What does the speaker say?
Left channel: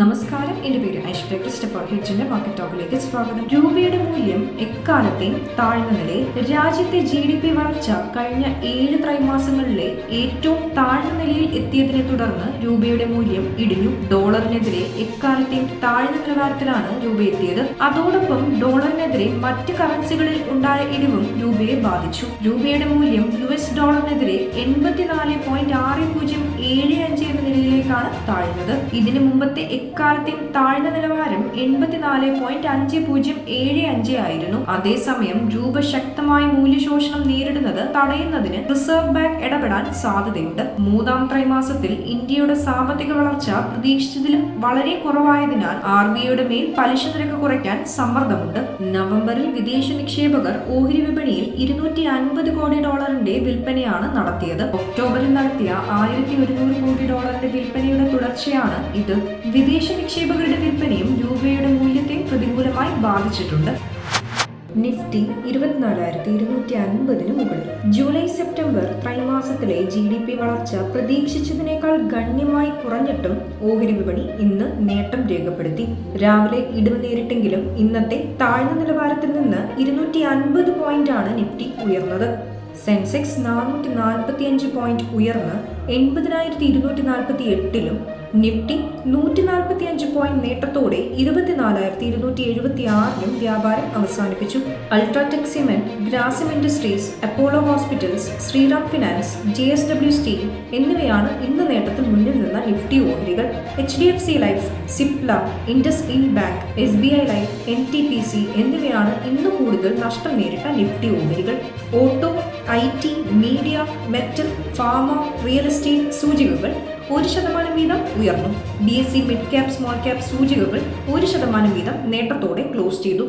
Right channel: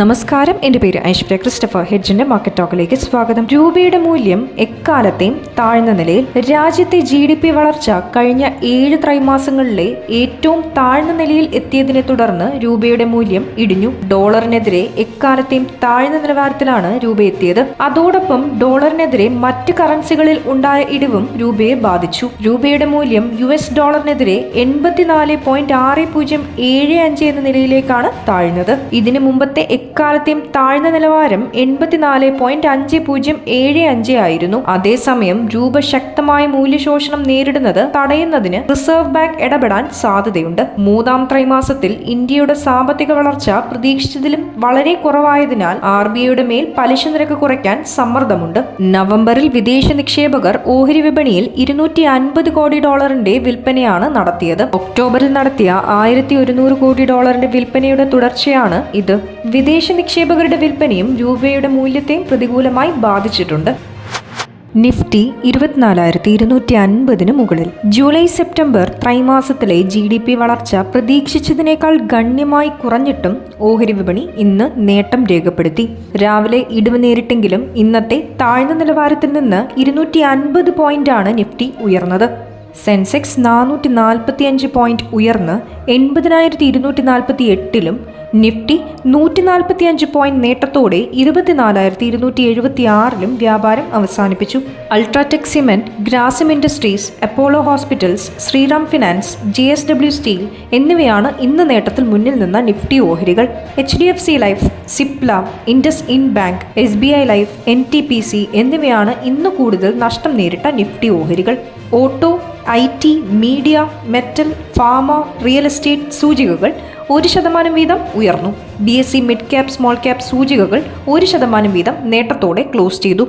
നമസ്കാരം, എൻ്റെ പേര് ഐശ്വര്യ ക്രിസ്റ്റഫർ. ഹെഡ്ജിന്റെ മാർക്കറ്റ് ടോക്കിലേക്ക് സ്വാഗതം. രൂപയുടെ മൂല്യം എക്കാലത്തെയും താഴ്ന്ന നിലയിൽ. രാജ്യത്തെ GDP വളർച്ച കഴിഞ്ഞ 7 ത്രൈമാസങ്ങളിലെ ഏറ്റവും താഴ്ന്ന നിലയിൽ എത്തിയതിനെ തുടർന്ന് രൂപയുടെ മൂല്യം ഇടിഞ്ഞു. ഡോളറിനെതിരെ എക്കാലത്തെയും താഴ്ന്ന നിലവാരത്തിലാണ് രൂപ എത്തിയത്. അതോടൊപ്പം ഡോളറിനെതിരെ മറ്റ് കറൻസികളിൽ ഉണ്ടായ ഇടിവും രൂപയെ ബാധിച്ചു. രൂപയുടെ മൂല്യം US ഡോളറിനെതിരെ 84.6075 എന്ന നിലയിലേക്കാണ് താഴ്ന്നത്. ഇതിനു മുമ്പത്തെ എക്കാലത്തെയും താഴ്ന്ന നിലവാരം 84.5075 ആയിരുന്നു. അതേസമയം രൂപ ശക്തമായ മൂല്യശോഷണം നേരിടുന്നത് തടയുന്നതിന് റിസർവ് ബാങ്ക് ഇടപെടാൻ സാധ്യതയുണ്ട്. മൂന്നാം ത്രൈമാസത്തിൽ ഇന്ത്യയുടെ സാമ്പത്തിക വളർച്ച പ്രതീക്ഷിച്ചതിലും വളരെ കുറവായതിനാൽ RBIയുടെ മേൽ പലിശ നിരക്ക് കുറയ്ക്കാൻ സമ്മർദ്ദമുണ്ട്. നവംബറിൽ വിദേശ നിക്ഷേപകർ ഓഹരി വിപണിയിൽ $250 കോടി വിൽപ്പനയാണ് നടത്തിയത്. ഒക്ടോബറിൽ നടത്തിയ $1100 കോടി വിൽപ്പനയുടെ തുടർച്ചയാണ് ഇത്. വിദേശ നിക്ഷേപകരുടെ വിൽപ്പനയും രൂപയുടെ മൂല്യത്തെയും പ്രതികൂലമായി ബാധിച്ചിട്ടുണ്ട്. നിഫ്റ്റി 24,250 മുകളിൽ. ജൂലൈ സെപ്റ്റംബർ ത്രൈമാസത്തിലെ GDP വളർച്ച പ്രതീക്ഷിച്ചതിനേക്കാൾ ഗണ്യമായി കുറഞ്ഞിട്ടും ഓഹരി വിപണി ഇന്ന് നേട്ടം രേഖപ്പെടുത്തി. രാവിലെ ഇടിവ് നേരിട്ടെങ്കിലും ഇന്നത്തെ താഴ്ന്ന നിലവാരത്തിൽ നിന്ന് 250 പോയിന്റാണ് നിഫ്റ്റി ഉയർന്നത്. സെൻസെക്സ് 445 പോയിന്റ് ഉയർന്ന് 80,248-ലും നിഫ്റ്റി 145 പോയിന്റ് നേട്ടത്തോടെ 24,276-ലും വ്യാപാരം അവസാനിപ്പിച്ചു. UltraTech cement, Grasim industries, Apollo hospitals, Shriram finance, JSW steel എന്നിവയാണ് ഇന്ന് നേട്ടത്തിൽ മുന്നിൽ നിന്ന നിഫ്റ്റി ഓഹരികൾ. HDFC life, Cipla, IndusInd bank, SBI life, NTPC എന്നിവയാണ് ഇന്ന് കൂടുതൽ നഷ്ടം നേരിട്ട നിഫ്റ്റി ഓഹരികൾ. Auto, IT, media, metal, pharma, real estate സൂചികകൾ 1% വീതം ഉയർന്നു. BSE mid cap, small cap സൂചികകൾ 1% വീതം നേട്ടത്തോടെ ക്ലോസ് ചെയ്തു.